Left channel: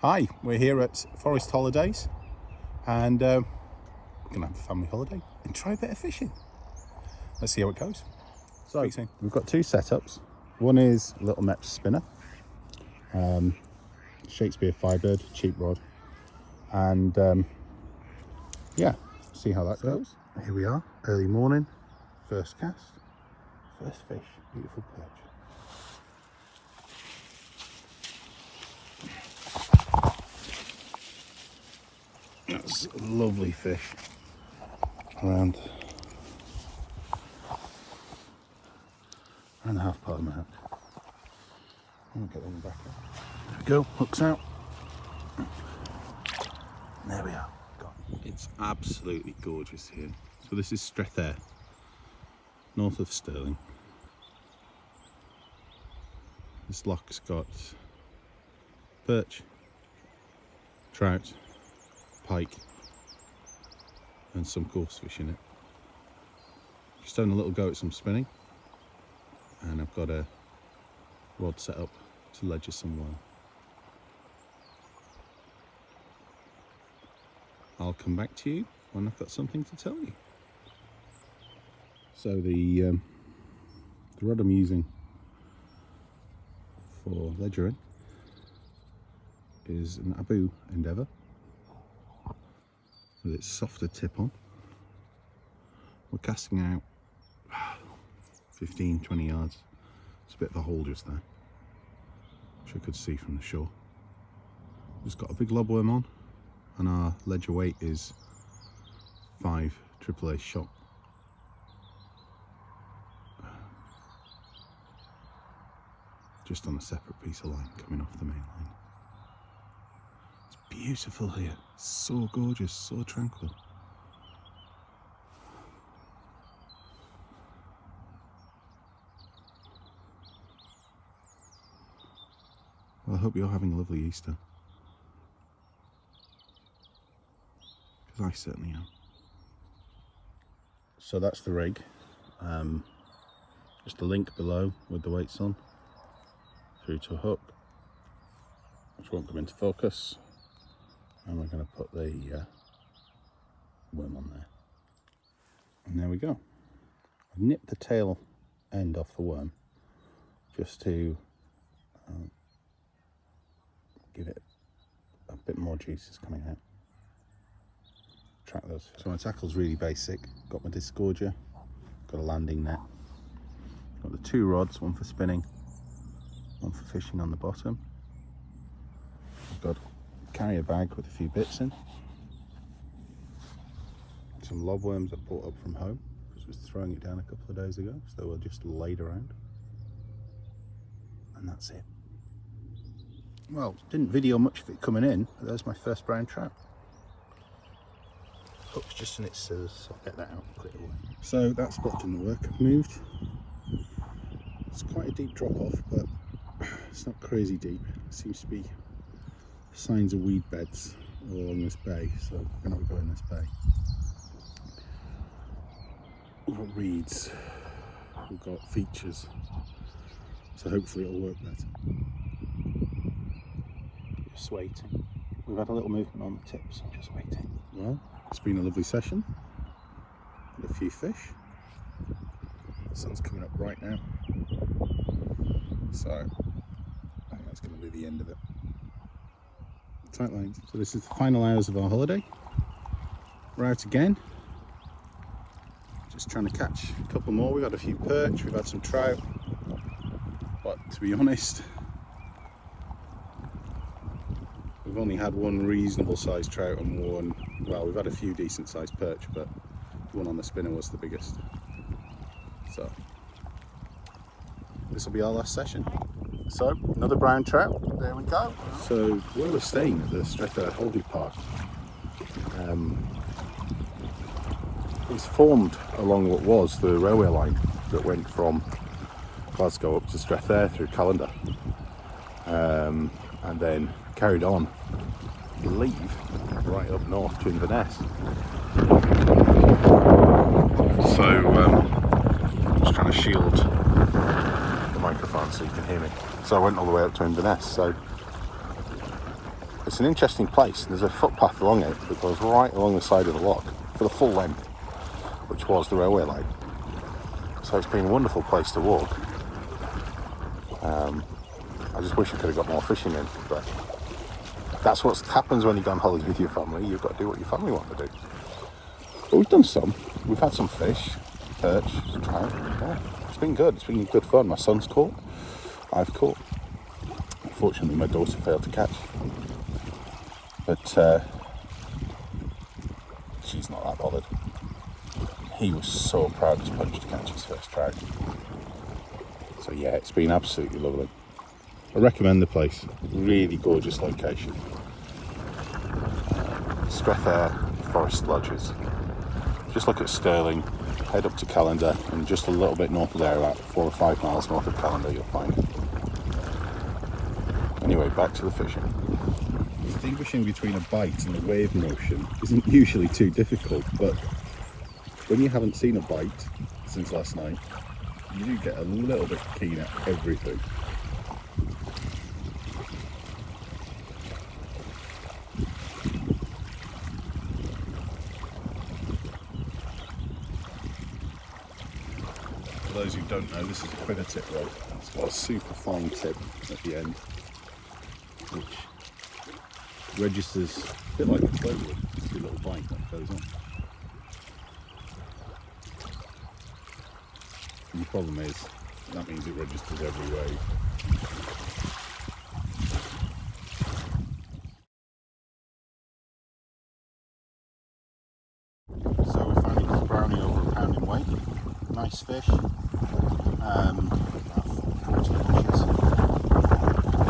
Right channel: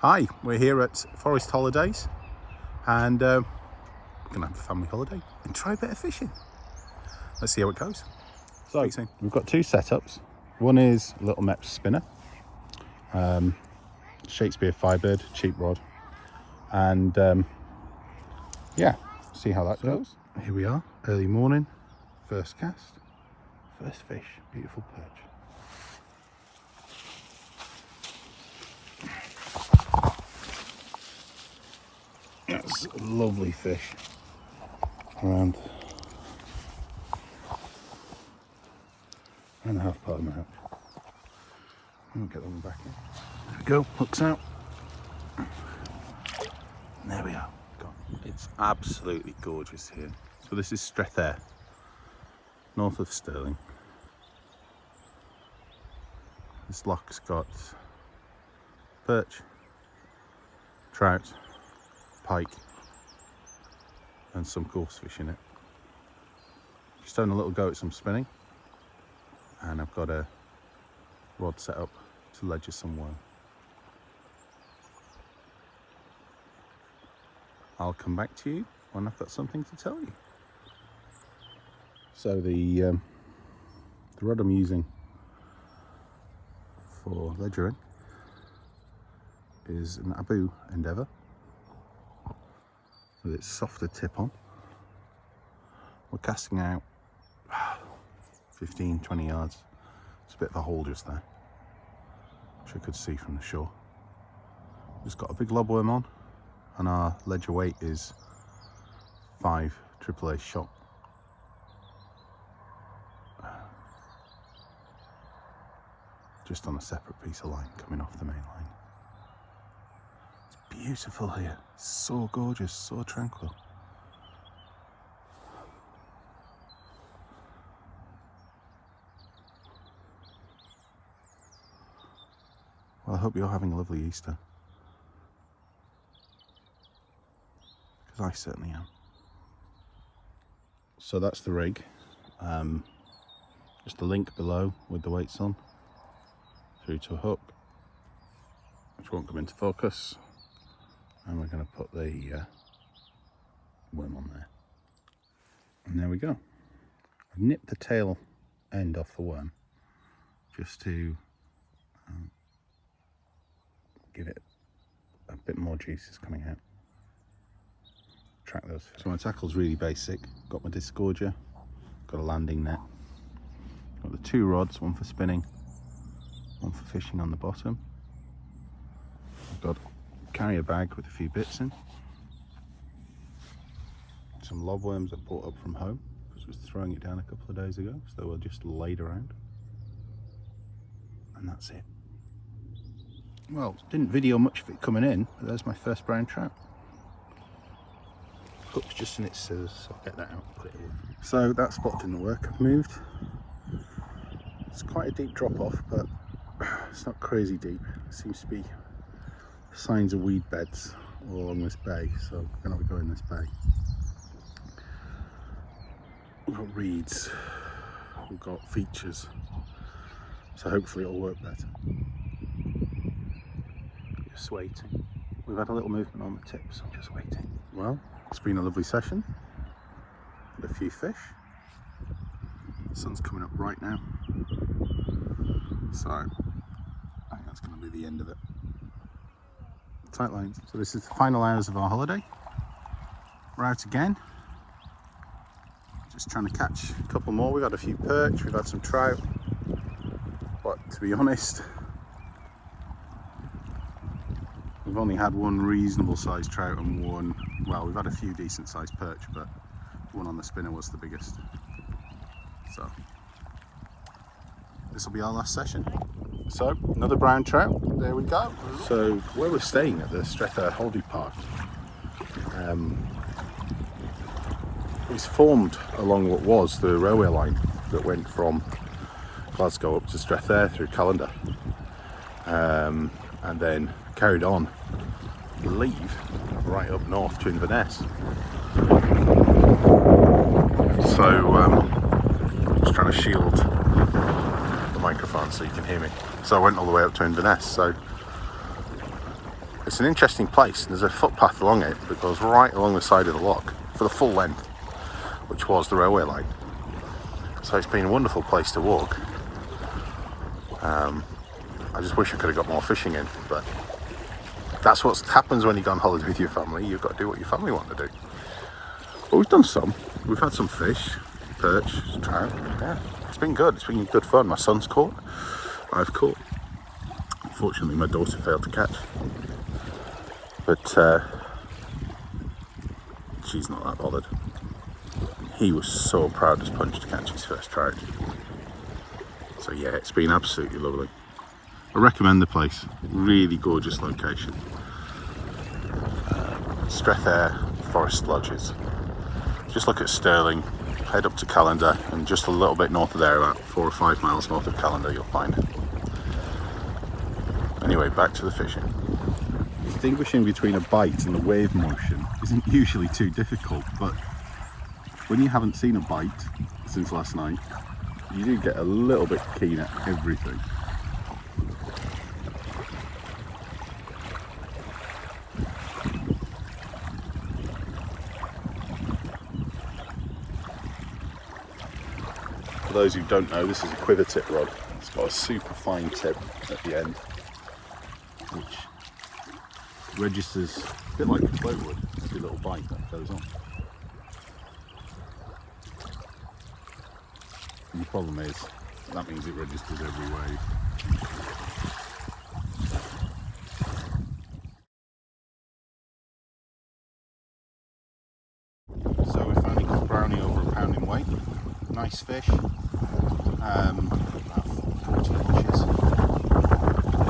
Hi, we're here at Forest Holidays and we're going to have a family holiday and try a bit of fishing. Let's see how it goes. So we've got two setups. One is a little Mepps spinner, Shakespeare Firebird, cheap rod, and yeah, see how that goes. Here we are, early morning, first cast, first fish, beautiful perch. That's a lovely fish around 1.5 part of my hook. Let me get them back in. There we go, hooks out. There we are. It's absolutely gorgeous here. So this is Strethair, north of Stirling. This loch's got perch, trout, pike and some coarse fish in it. Just having a little go at some spinning, and I've got a rod set up to ledger some worm. I'll come back to you when I've got something to tell you. So the rod I'm using for ledgering is an Abu Endeavour with its softer tip on. We're casting out 15-20 yards. It's a bit of a hole just there, which I could see from the shore. Just got a big lobworm on, and our ledger weight is 5 AAA shot. Just on a separate piece of line coming off the main line. It's beautiful here, so gorgeous, so tranquil. Well, I hope you're having a lovely Easter, because I certainly am. So that's the rig. Just a link below with the weights on, through to a hook, which won't come into focus, and we're going to put the worm on there. And there we go. I've nipped the tail end off the worm just to give it a bit more juices coming out. Track those fish. So my tackle's really basic. Got my disgorger, got a landing net, got the 2 rods, one for spinning, one for fishing on the bottom. I've got a carrier bag with a few bits in. Some lobworms I brought up from home. I was throwing it down a couple of days ago, so they were just laid around. And that's it. Well, didn't video much of it coming in, but there's my first brown trout. Hook's just in its scissors, so I'll get that out quickly. So that spot didn't work, I've moved. It's quite a deep drop off, but it's not crazy deep. There seems to be signs of weed beds all along this bay, so we're going to have a go in this bay. We've got reeds, we've got features, so hopefully it'll work better. Just waiting. We've had a little movement on the tips, I'm just waiting. Well, it's been a lovely session. Had a few fish. The sun's coming up right now, so I think that's going to be the end of it. Tight lines. So this is the final hours of our holiday. We're out again. Just trying to catch a couple more. We've had a few perch, we've had some trout, but to be honest, we've only had one reasonable sized trout and one, well, we've had a few decent sized perch, but the one on the spinner was the biggest. So this will be our last session. So another brown trout, there we go. So where we're staying at the Strethair Holiday Park, it's formed along what was the railway line that went from Glasgow up to Strethair through Callander, and then carried on, I believe, right up north to Inverness. So just trying to shield the microphone so you can hear me. So I went all the way up to Inverness. So It's an interesting place. There's a footpath along it that goes right along the side of the loch for the full length, which was the railway line. So it's been a wonderful place to walk. I just wish I could have got more fishing in, but that's what happens when you go on holiday with your family. You've got to do what your family want to do. But we've done some. We've had some fish, perch, trout. Yeah, it's been good. It's been good fun. My son's caught. I've caught. Unfortunately, my daughter failed to catch. But she's not that bothered. He was so proud as punch to catch his first trout. So yeah, it's been absolutely lovely. I recommend the place. Really gorgeous location. Strethair Forest Lodges. Just look at Stirling, head up to Callander, and just a little bit north of there, about 4 or 5 miles north of Callander, you'll find it. Anyway, back to the fishing. Distinguishing between a bite and the wave motion isn't usually too difficult, but when you haven't seen a bite since last night, you do get a little bit keen at everything. For those who don't know, this is a quiver tip rod. It's got a super fine tip at the end, which registers a bit like a float would. Just a little bite that goes on. And the problem is, that means it registers every wave. So we're finding a brownie over a pound in weight. Nice fish. About 40 inches.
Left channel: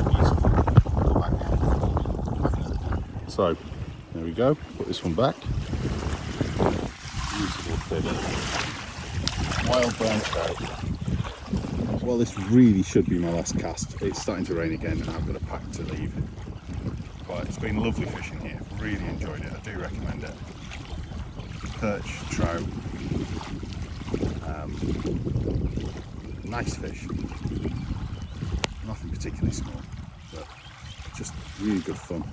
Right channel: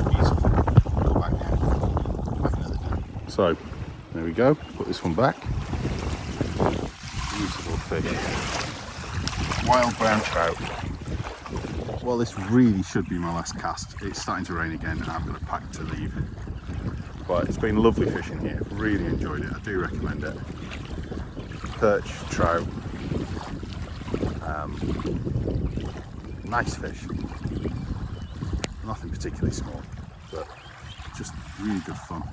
Beautiful. Go back now. Back another day. So there we go. Put this one back. Beautiful fish. Wild brown trout. Well, this really should be my last cast. It's starting to rain again and I've got a pack to leave. But it's been lovely fishing here. Really enjoyed it. I do recommend it. Perch, trout, nice fish. Nothing particularly small, but just really good fun.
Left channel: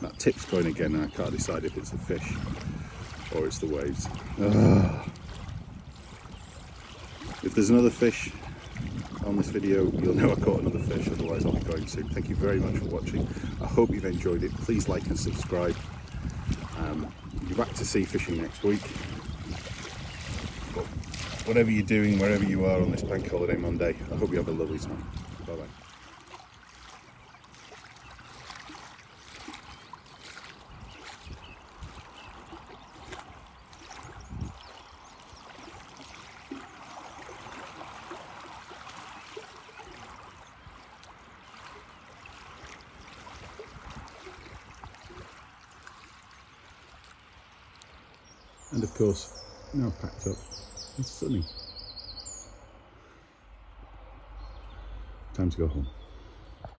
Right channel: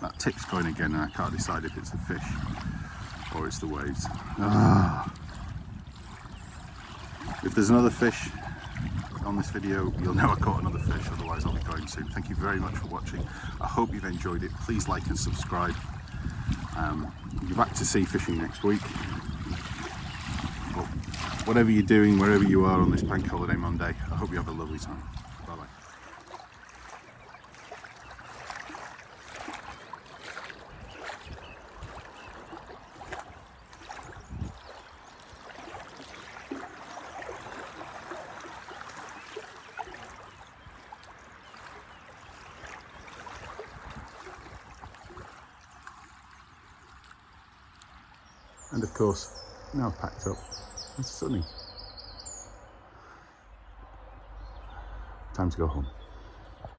That tip's going again and I can't decide if it's a fish or it's the waves. If there's another fish on this video, you'll know I caught another fish, otherwise I'll be going soon. Thank you very much for watching. I hope you've enjoyed it. Please like and subscribe. We'll be back to sea fishing next week. But whatever you're doing, wherever you are on this bank holiday Monday, I hope you have a lovely time. Bye bye. And of course, now I've packed up, it's sunny. Time to go home.